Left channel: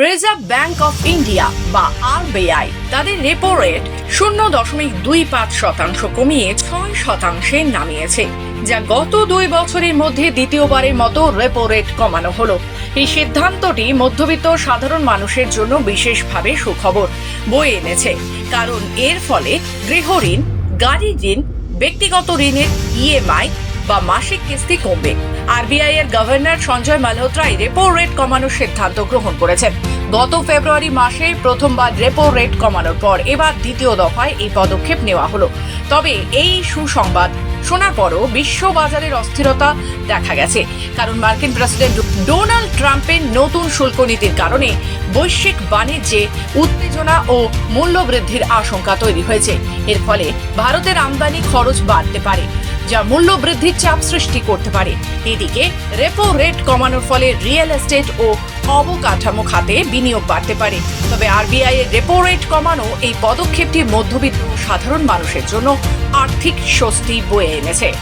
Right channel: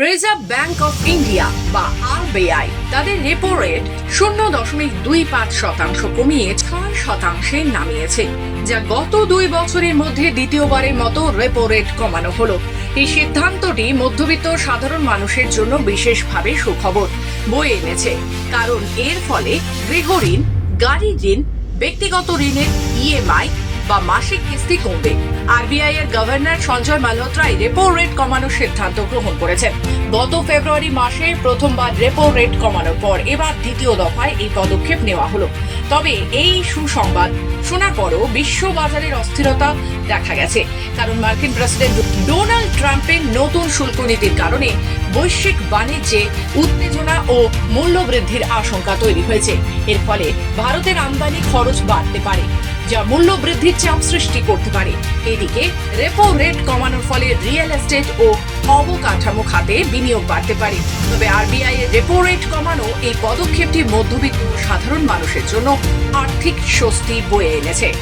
Reserve bank of India বা RBI তাদের repo rate শূন্য দশমিক দুই পাঁচ শতাংশ কমিয়ে ছয় শতাংশে নামিয়েছে, যা গত দুই বছরের মধ্যে দ্বিতীয়বারের মতো রেপো রেট কমানো হলো। এই সিদ্ধান্তটি মধ্যবিত্ত সাধারণ মানুষের জন্য বিশেষভাবে সুখবর বয়ে এনেছে, কারণ এর ফলে গৃহঋণ গাড়ি ঋণ, ব্যক্তিগত ঋণের ইএমআই বা মাসিক কিস্তি কমবে। আরবিআই এর গভর্নর সঞ্জয় মালহোত্রাই রেপো রেট কমানোর সিদ্ধান্ত গ্রহণ করেছেন। গত ফেব্রুয়ারি মাসে প্রথমবার রেপো রেট কমানোর পর এবার দ্বিতীয় দফায় এই পদক্ষেপ নেওয়া হলো। তবে এই সুসংবাদ শোনার পরও বিশ্ব বাজারের অস্থিরতা দেখা গেছে। কারণ মার্কিন প্রেসিডেন্ট ডোনাল্ড ট্রাম্পের নতুন শুল্ক নীতির কারণে বৈশ্বিক বাণিজ্যে উত্তেজনা ও মূল্য বৃদ্ধির আশঙ্কা তৈরি হয়েছে। এর ফলে ভারতের আমদানি খরচ বাড়তে পারে। যা মূল্য বৃদ্ধির চাপ সৃষ্টি করতে পারে। এদিকে রেপো রেট কমানোর ফলে রিয়েল এস্টেট ও অবকাঠামো খাতে বিনিয়োগ বাড়তে পারে। তবে আরবিআই এর রেপো রেট কমানো এই পদক্ষেপটি মধ্যবিত্ত সাধারণ মানুষের জন্য আর্থিক স্বস্তি বয়ে এনেছে।